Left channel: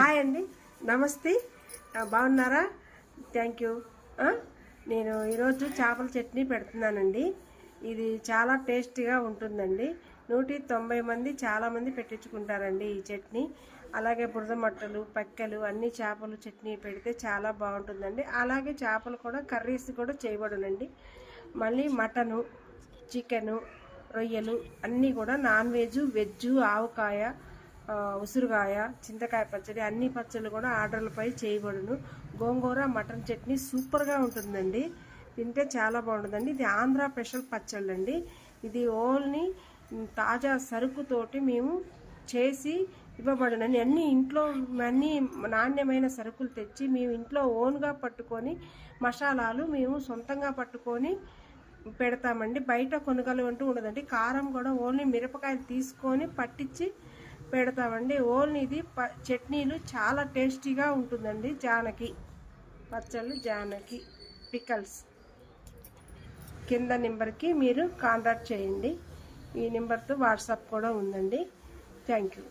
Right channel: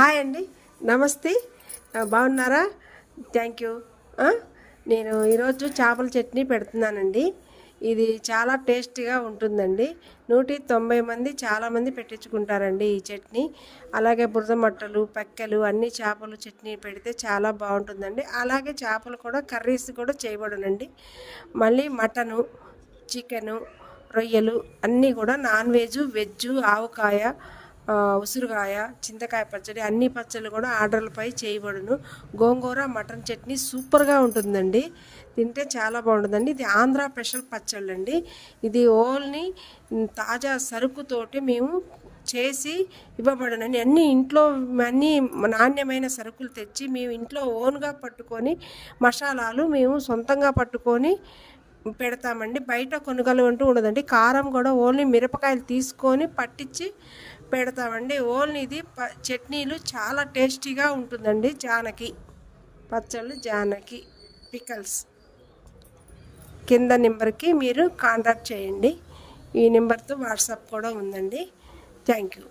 Hi అండి, నమస్తే. బాగున్నారా? Thank you. నేను ఈరోజు చేపల చట్నీ పెడుతున్నానండి. ఇది చాలా టేస్టీగా ఉంటుందండి. 190 మంది చాలామంది పెట్టించుకుంటారండి ఈ చట్నీ. అలాగే బురద మట్టలు, పెక్కలు అన్ని చేపలు చట్నీ పెడితే చాలా బాగుంటుందండి. అలాగే చేపలు కూడా కర్రీస్ కూడా చేయబడునండి. మళ్ళీ మటను, చికెను, రొయ్యలు అన్నీ కూడా నాన్ వెజ్, వెజ్, ఆవకాయ, ఉసురుగాయ, చింతకాయ పచ్చడి అన్ని పచ్చళ్ళు కూడా ఆర్డర్లపై చేయబడును. గోంగూర మటన్ చట్నీ సూపర్గా ఉంటుందండి. తింటే చాలా బాగుంటుందండి. ఇది ఆంధ్ర స్పెషల్ పచ్చళ్ళు అండి. ఇది ఓన్లీ తాజా సరుకుతోటి మేము చేసి ఇవ్వబడునండి. అన్నీ ఇంట్లో అన్నీ నాణ్యమైన సరుకులు తెచ్చి మేము ఇంట్లో ఓన్గా పట్టుకొని మసాలాలు మేము సొంతంగా పట్టుకొని పెడతామండి. బయట కొనుగోలు అంటూ ఉండదండి. కారం కూడా ఓన్లీ మిరపకాయలు తీసుకొని పట్టించి పెడతామండి. ఓన్లీ ఇది చట్నీలు చాలా టేస్టీగా ఉంటుందండి. జానకి పచ్చళ్ళు, జానకి పికల్స్. కింద నెంబర్కి మీరు కాంటాక్ట్ చేయండి. ఈ నెంబర్తో వాట్సాప్ కూడా ఉందండి. Thank you.